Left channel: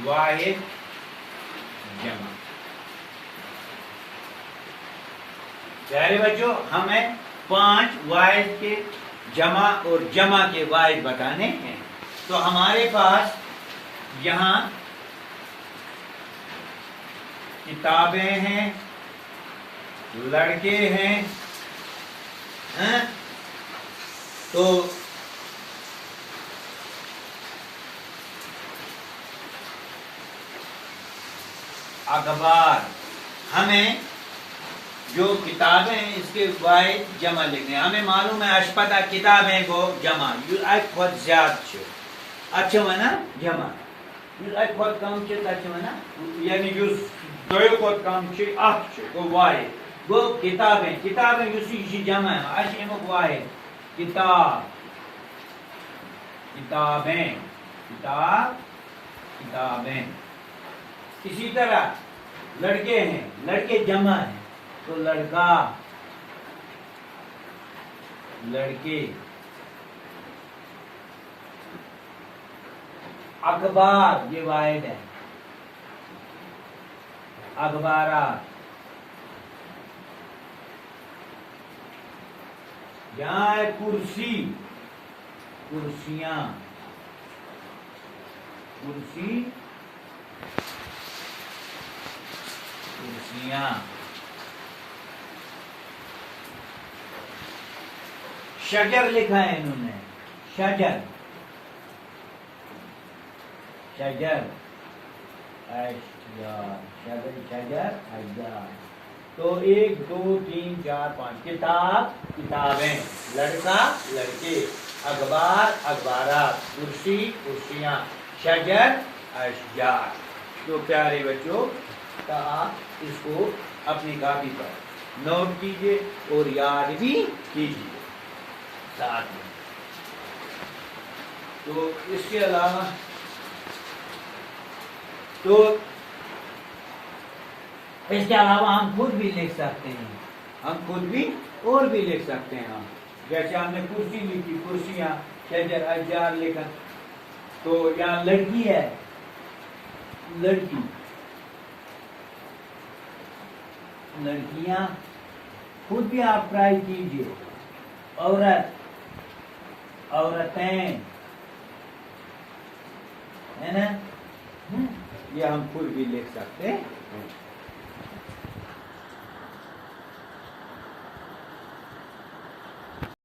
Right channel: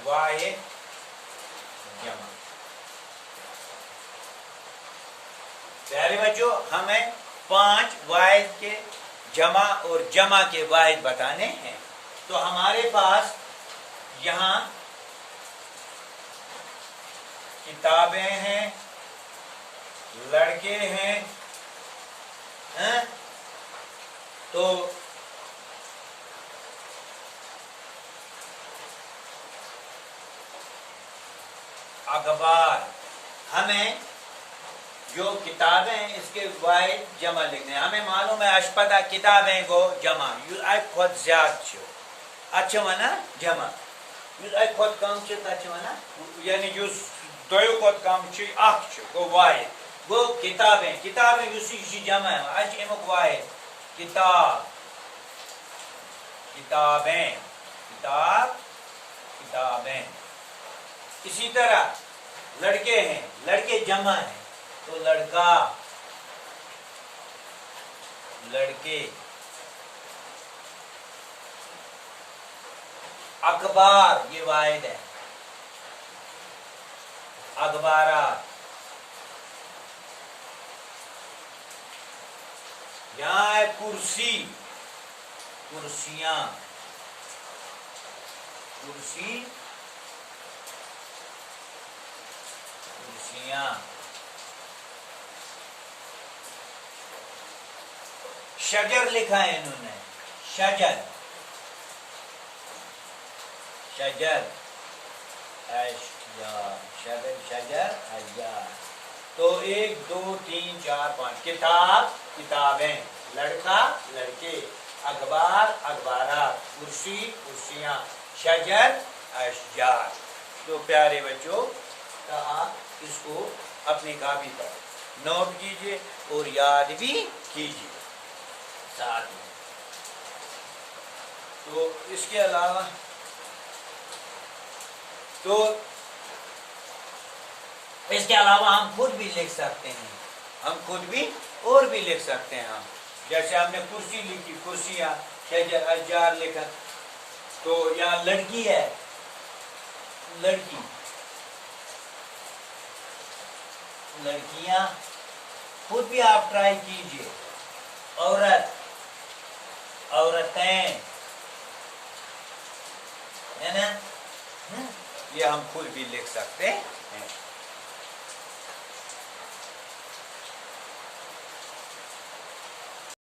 वाहिद जमा। प्यारे बच्चों, हमें 5 वाहिद के जमा और जमा के वाहिद बताने हैं। तो हमारे पास यहाँ किताबें हैं, लड़के हैं, तो अखबार, हमें जो किताबें हैं इसके वाहिद जमा लिखने हैं। हमें मालूम है अशपदा किताबें को जमा खुद ज्यादा अच्छा मना जमा खुद कम अच्छा मना यानी दो खुद कम गो वाहिद गो किताबें जमा अमुक वाहिद किताब किताबें किताबें। इसी तरह लड़के हैं, लड़के जमा हैं तो लड़का लड़के। अखबार ये वाहिद है, अखबारात। यहां है कुर्सी, कुर्सियां, कुर्सी कुर्सियां। शजर लिखा है इन्होंने, शजर शजर शजर शजर अशजार। तो 1 2 3 4 5 किताब किताबें, लड़का लड़के, अखबार अखबारात, कुर्सी कुर्सियां, शजर अशजार। तो प्यारे बच्चों, आप इसको अपनी कॉपी पर नोट कीजिए और याद भी कीजिए साथ में। तो इसके अलावा हम खुद भी लिख सकते हैं, हम खुद भी और भी लिख सकते हैं हम। जैसे हमने कुर्सी लिखी, कुर्सियां, शजर अशजार लिखा। तो यहाँ लड़की है, लड़की, लड़कियां, खुद भी आप ट्राई कीजिए। औरत, औरतें, है ना? ये हम खुद भी लिख सकते हैं।